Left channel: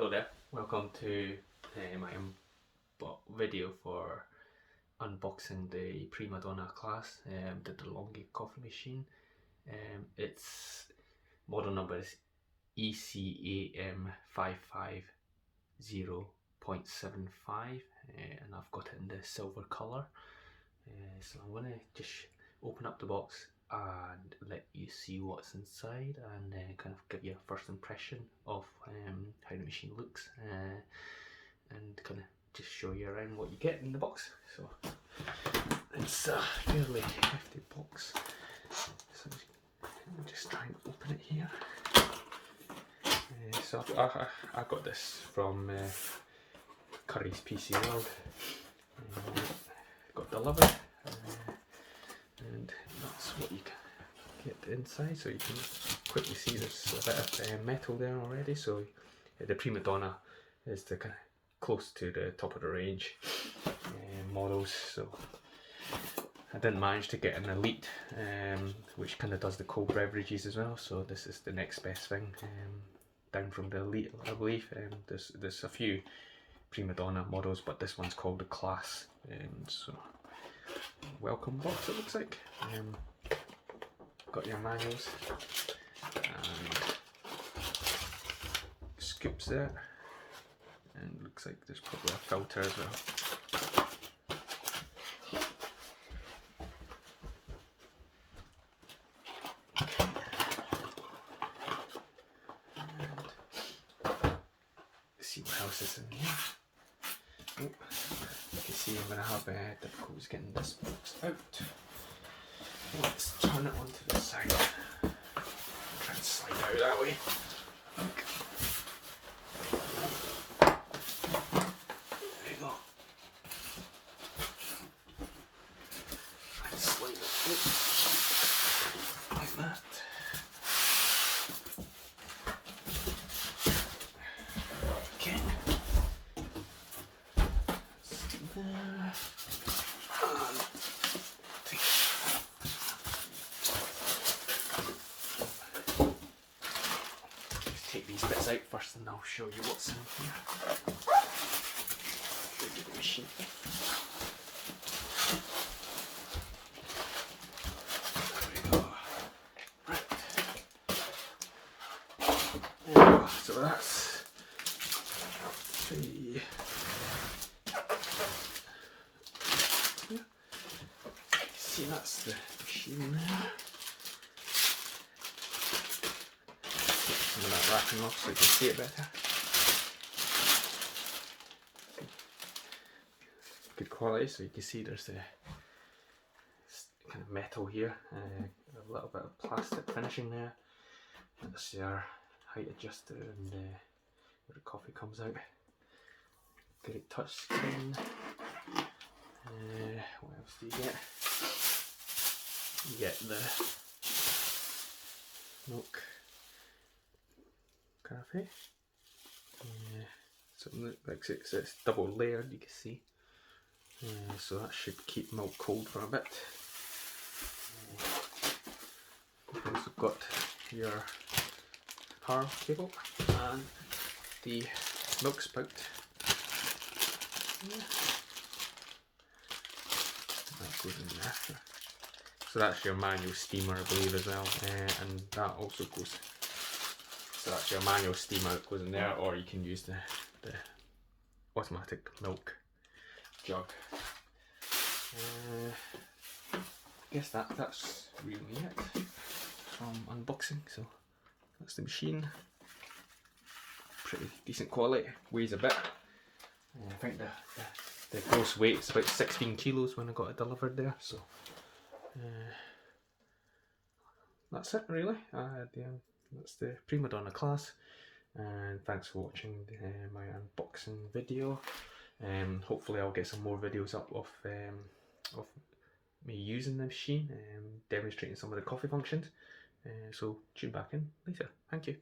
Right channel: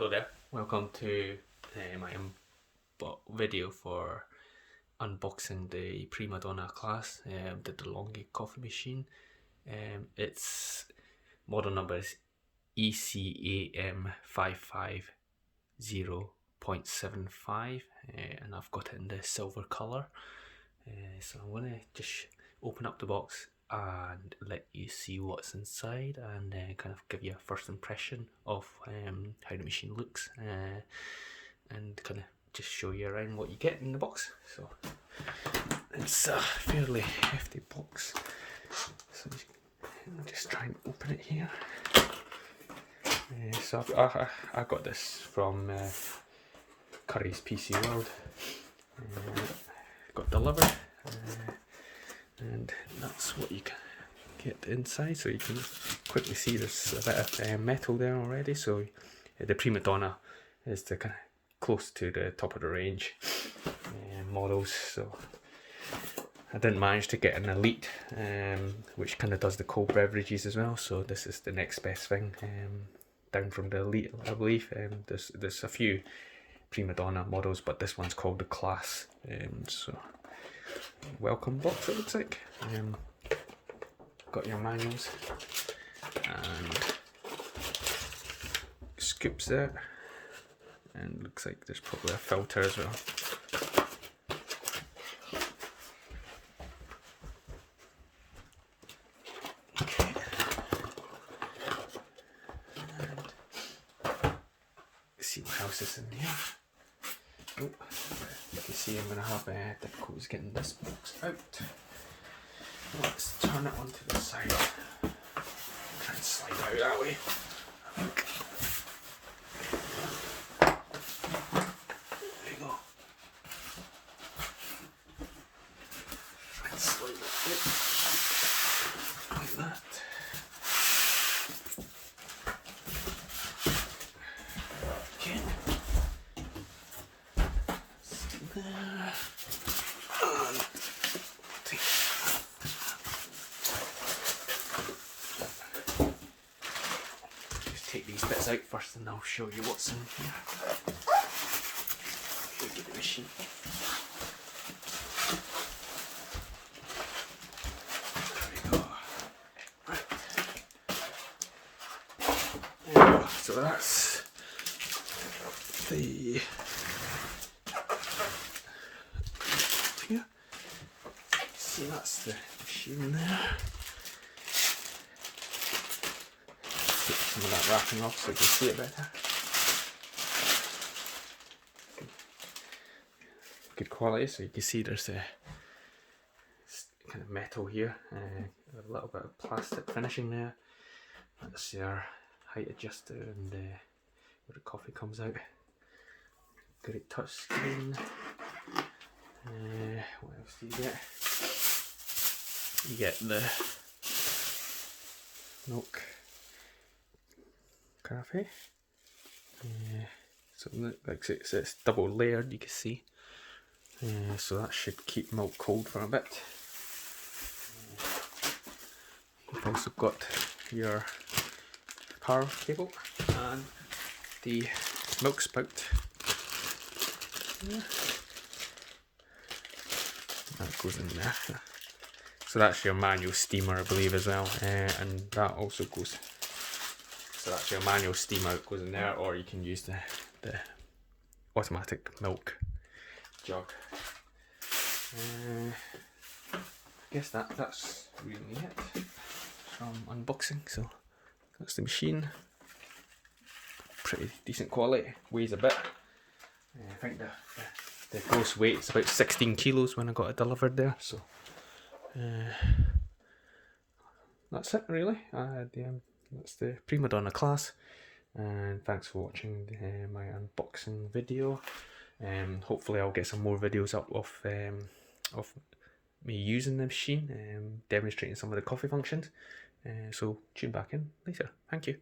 Hello there, welcome to my video for unboxing the PrimaDonna class, the DeLonghi coffee machine. Its model number is ECAM 550.75 and I've got it in the silver colour. So I'm going to just open up the box and let you see what's inside and kind of give you a first impression of how the machine looks and kind of just show you around what you get in the box. So it's a fairly hefty box, so I'll just try and open it here. So I got this from Curry's PC World. Got delivered. And that's what you can get inside, so you can quickly see there's a bit of metal there already. So the PrimaDonna is the kind of close to the top of the range models, so I didn't manage to get an Elite, which kind of does the cold beverages as well, so this is the next best thing down from the Elite, I believe. There's a few PrimaDonna models, but this one's called the Class. So welcome box, it looks like. Got your manuals and scoops there, and looks like there's probably a filter as well. Okay. And see what else is in here. Oh, you can see I'm going to have difficulties getting this box out. Let's turn it onto the side. Try and slide out that way. There you go. And slide it like that. Okay. There. Just take these bits out first and I'll show you what's in here. Show you the machine. There we go. Right. There we go. So that's the see, that's the machine there. Get some of that wrapping off so you can see it better. Good quality, so you can see there's a kind of metal here, with a little bit of plastic finishing there. That's your height adjuster and where the coffee comes out. Great touch screen. What else do you get? You get the milk coffee. So like it's double layered, you can see. So that should keep milk cold for a bit. You've also got your power cable and the milk spout. That goes in there. So that's your manual steamer, I believe, as well, and that also goes. So that's your manual steamer that goes in there, or you can use the automatic milk jug. I guess that's really it from unboxing. So that's the machine. Pretty decent quality. Weighs a bit. I think the gross weight is about 16 kilos when I got it delivered there. So. That's it really. That's the PrimaDonna class, and thanks for watching my unboxing video. Hopefully I'll get some more videos up of me using the machine, demonstrating some of the coffee functions. So tune back in later. Thank you.